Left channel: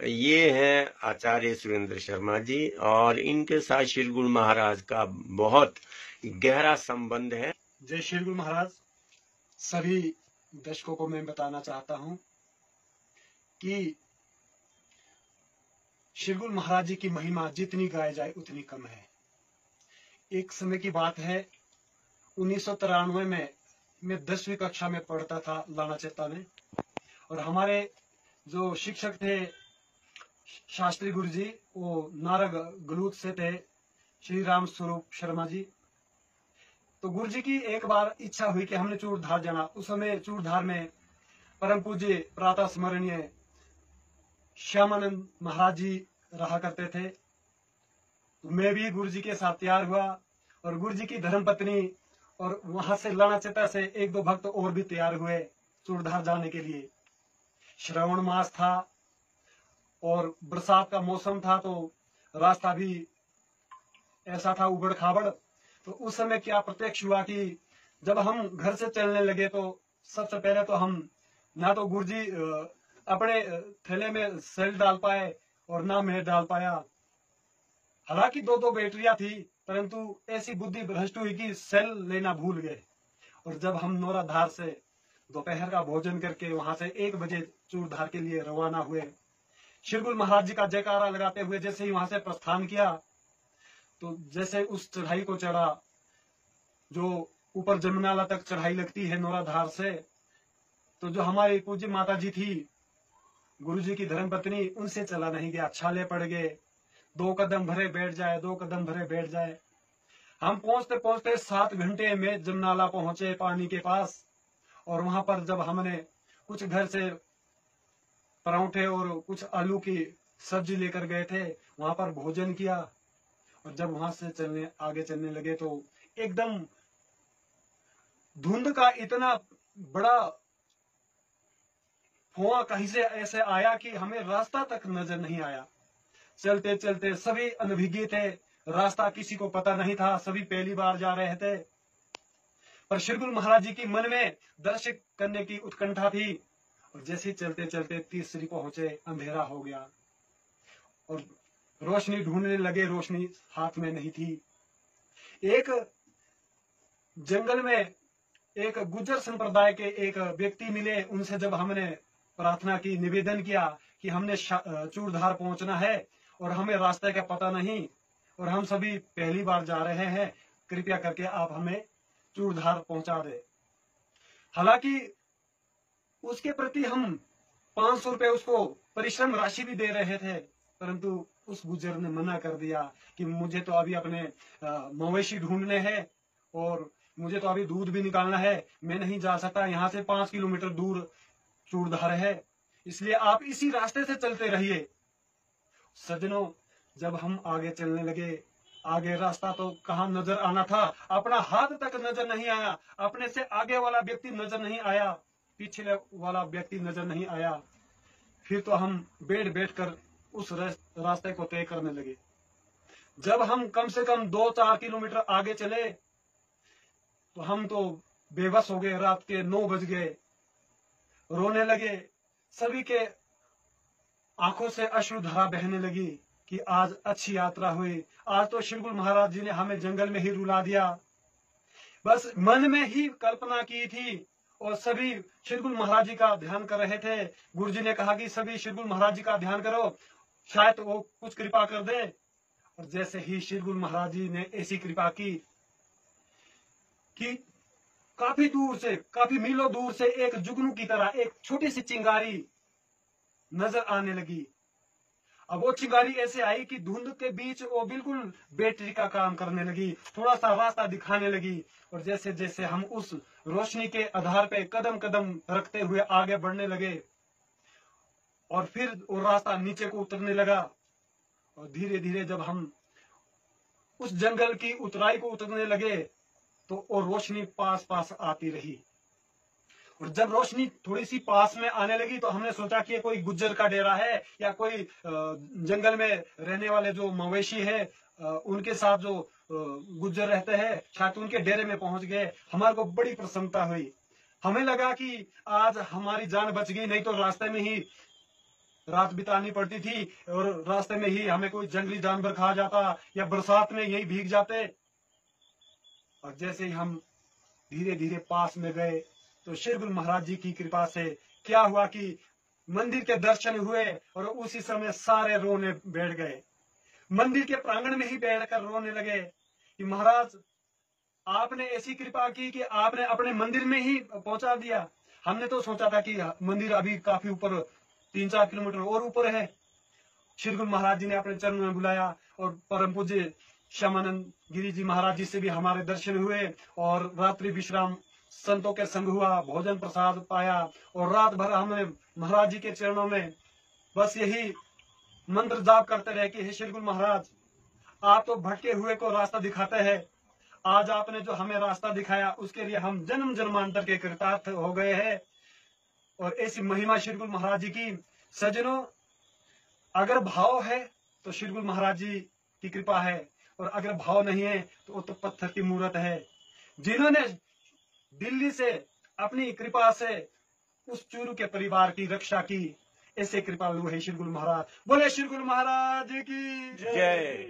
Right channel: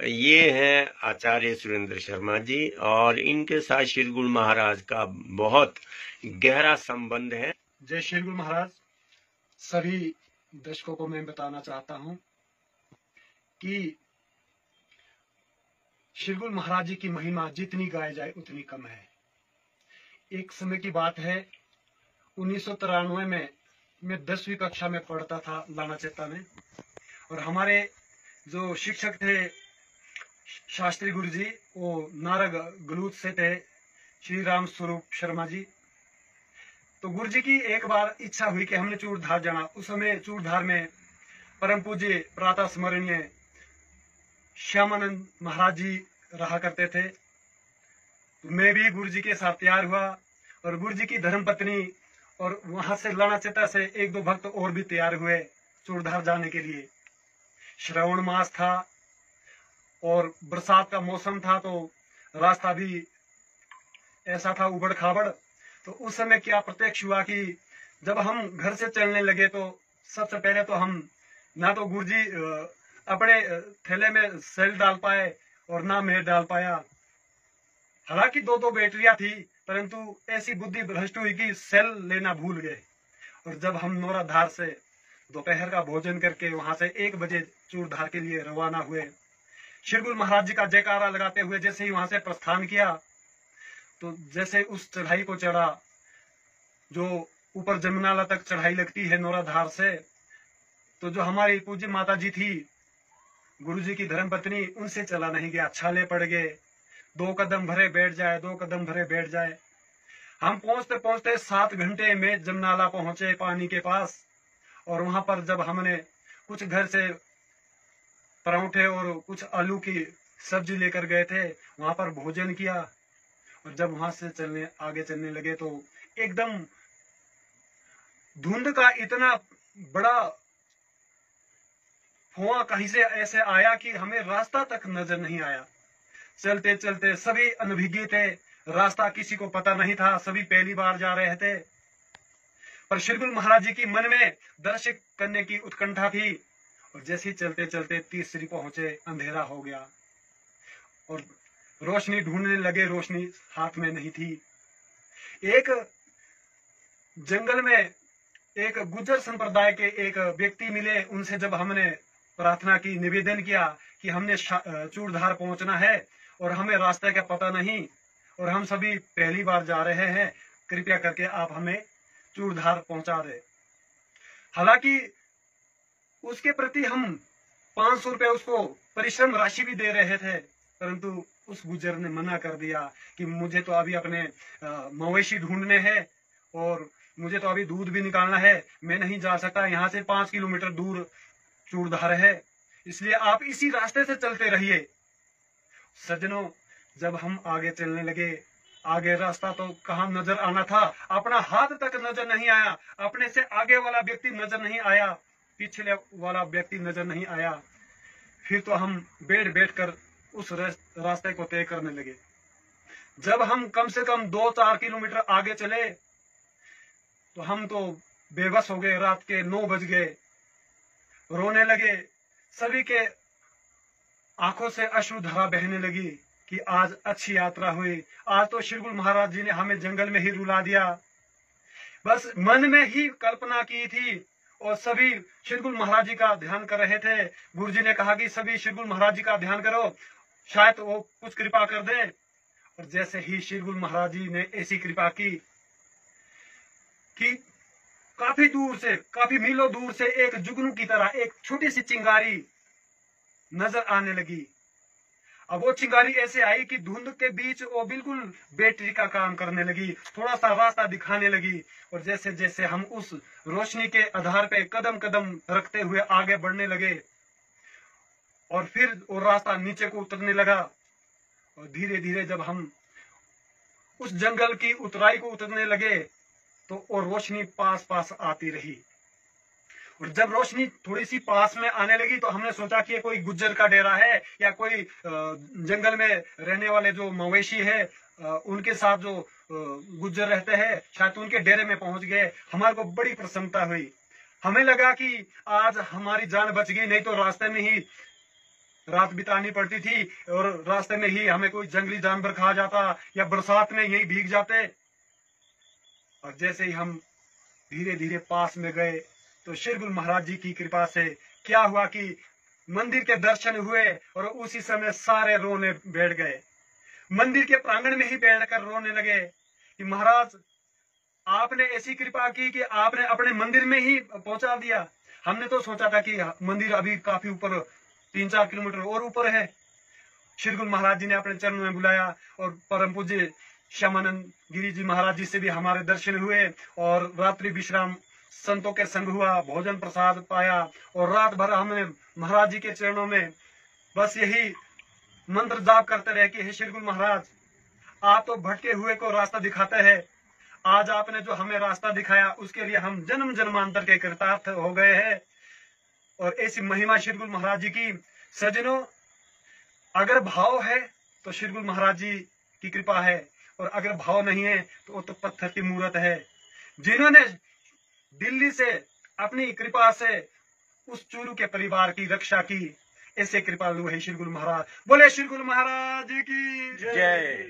ये हैं आचार्य सुरेंद्र शर्मा जी और इनके साथ श्री गुरु महाराज का बहुत गहरा संबंध है। जय श्री गुरु महाराज। सभी दर्शकों को मैं बताना चाहता हूं कि श्री गुरु महाराज जी की महिमा जितनी गाई जाए उतनी कम है। एक समय की बात है, 1993 में मैं 10वीं कक्षा में पढ़ता था लानाचेता में, और हमारे जो शिक्षक थे शास्त्री गुरु जी, वो नारग गलूत से थे, श्री राम स्वरूप शर्मा जी। तो गुरु जी की एक बार इच्छा हुई कि हमने चूड़धार जाना। उस समय चूड़धार में परम पूज्य प्रातः स्मरणीय श्यामानंद महाराज जी रहा करते थे। तो मैं भी गुरु जी के साथ तैयार हुआ और गुरु जी की धर्मपत्नी और वहां से लानाचेता से एक दो भक्त और भी तैयार हुए चूड़धार जाने के लिए। श्रावण मास था और बरसात का मौसम था, तो रास्ता भी ऐसा था उबड़ खाबड़। तो उस समय क्या प्रत्यक्ष हुआ कि जब हम घर से चलने लगे तो सबसे पहले तो हम ना तो गुरुजी अपने थैले में सेल डाल पाए और ना मैं डाल पाया। हालांकि दो दो बैटरियां थी, परंतु ऐसी बुद्धि भ्रष्ट हुई कि सेल लेना भूल गए। और जब हम नौराधार से दोपहर का भोजन करके वहां से 1 बजे चूड़धार के लिए रवाना हुए, श्री गुरु महाराज जी का जयकारा लगाते हुए जैसे ही वहां से प्रस्थान किया, तो जैसे उस चढ़ाई को चढ़ा, जो ऊपर जमुनाला तक चढ़ाई लगती है नौराधार से, तो जो हमारी पूज्य माता जी थी, गुरु जी की धर्मपत्नी, उनसे चला नहीं गया, छाले पड़ गए। 2 कदम भरे बैठ जाए, 2 कदम भरे बैठ जाए। हम पहुंचते पहुंचते 7 घंटे में जमुनाला पहुंचे पानी के पास। और वहां पर जब हमने कुछ घर से परांठे और कुछ आलू की सब्जी लेकर गए थे, वहां पर भोजन किया। और जब वहां से आगे चलने लगे तो एकदम धुंध का इतना बड़ा फुआ कहीं से ऐसे आया कि हमें रास्ता तक नजर नहीं आया। चलते चलते सभी अनभिज्ञ थे, रास्ता किसी को पता नहीं था, सभी पहली बार जा रहे थे। पर श्री गुरु महाराज जी की मन में दर्शन करने की उत्कंठा थी। और जैसे चलते चलते तीसरी पहुंचे, अंधेरा हो गया और रोशनी ढूंढने लगे, रोशनी हाथ में नहीं थी। एक जंगल में एक गुज्जर संप्रदाय के एक व्यक्ति मिले। उनसे जब हमने प्रार्थना की, निवेदन किया कि हमने चूड़धार पहुंचना है और हमें रास्ते का पता नहीं और हम सभी पहली बार जा रहे हैं, कृपया करके आप हमें चूड़धार पहुंचा दे। हालांकि उसके प्रति हम 500 रुपए उसको परिश्रम राशि भी दे रहे थे, परंतु उस गुज्जर ने मना कर दिया कि मुझे तो अभी अपने मवेशी ढूंढने हैं और मुझे तो अभी दूध भी निकालना है, मैं नहीं जा सकता, यहाँ से 5 किलोमीटर दूर चूड़धार है, इसलिए आप इसी रास्ते से चलते रहिए। सज्जनों, जब हम आगे चलने लगे, आगे रास्ता तो कहाँ नजर आना था, अपना हाथ तक नजर नहीं आया, अपने से आगे वाला व्यक्ति नजर नहीं आया, पिछले वाला व्यक्ति नजर नहीं आया। फिर तो हम बैठ कर उस रास्ते को तय करने लगे। जब हम कम से कम 2-4 किलोमीटर आगे चले तो हम तो बेबस हो गए। रात के 9 बज गए, रोने लगे। सभी के आंखों से अश्रुधारा बहने लगी कि आज अच्छी यात्रा हुई, आज तो श्री गुरु महाराज जी ने हमें जंगल में ही रुला दिया। बस मन में ही कल्पना की थी और सभी श्री गुरु महाराज जी का ध्यान कर रहे थे। गुरु जी ने कहा कि सभी श्री गुरु महाराज जी का ध्यान करो, शायद वो कुछ कृपा कर दे। और जैसे ही श्री गुरु महाराज जी ने ऐसी कृपा की कि काफी दूर से, काफी मीलों दूर से एक जुगनू की तरह एक छोटी सी चिंगारी नजर आने लगी। अब वो चिंगारी ऐसे आई कि धुंध के बीच वो बिल्कुल बैटरी का काम करने लगी, थोड़ा सा रास्ता दिखाने लगी। और जैसे जैसे हम उस रोशनी के आधार पे कदम कदम रखते हुए आगे बढ़ने लगे और फिर वो रास्ता नीचे को उतरने लगा। और धीरे धीरे जब हम उस जंगल की उतराई को उतरने लगे तो वो रोशनी पास पास आती रही। और जब रोशनी थोड़ी सी पास में आने लगी तो हमने सोचा कि ये कोई गुज्जर का डेरा है या कोई जंगल में रहने वाले जो मवेशी है उनके साथ जो गुज्जर रहते हैं, शायद उनके डेरे में पहुंच गए। हमारे को बड़ी प्रसन्नता हुई। हमें लगा कि आज हमारी जान बच गई, नहीं तो रास्ते में ही रात बितानी पड़ती थी और रास्ते में ही हमें कोई जंगली जानवर खा जाता या बरसात में यही भीग जाते। और जैसे ही हम धीरे धीरे पास में गए तो शिरगुल महाराज जी की कृपा से क्या हुआ कि मंदिर के दर्शन हुए और उसी समय सारे रोने बैठ गए। मंदिर के प्रांगण में ही बैठकर रोने लगे कि महाराज आपने ऐसी कृपा की कि आपने अपने मंदिर में ही पहुंचा दिया। हमने तो सोचा था कि मंदिर अभी काफी ऊपर 3-4 किलोमीटर और ऊपर है। शिरगुल महाराज जी ने अपने चरणों में बुलाया और परम पूज्य श्यामानंद गिरी जी महाराज जी से भी हमारे दर्शन हुए और रात्रि विश्राम संतों के संग हुआ, भोजन प्रसाद पाया और रात भर हमने महाराज जी के चरणों में बस यही मंत्र जाप करते रहे कि हे शिरगुल महाराज, आप तो भटके हुए को रास्ता दिखाते हैं। आज आपने जो हमें रास्ता दिखाया उसके लिए हम जन्म जन्मांतर के कृतार्थ हो गए हैं। और ऐसी महिमा शिरगुल महाराज जी की। सज्जनों, अगर भाव है तो शिरगुल महाराज जी की कृपा है और अगर भाव नहीं है तो वो तो पत्थर की मूर्त है। जिन्होंने दिल्ली से अपनी कृपा से उस चूरू के परिवार की रक्षा की, ऐसे कृपालु है शिरगुल महाराज। बोले शिरगुल महाराज की जय।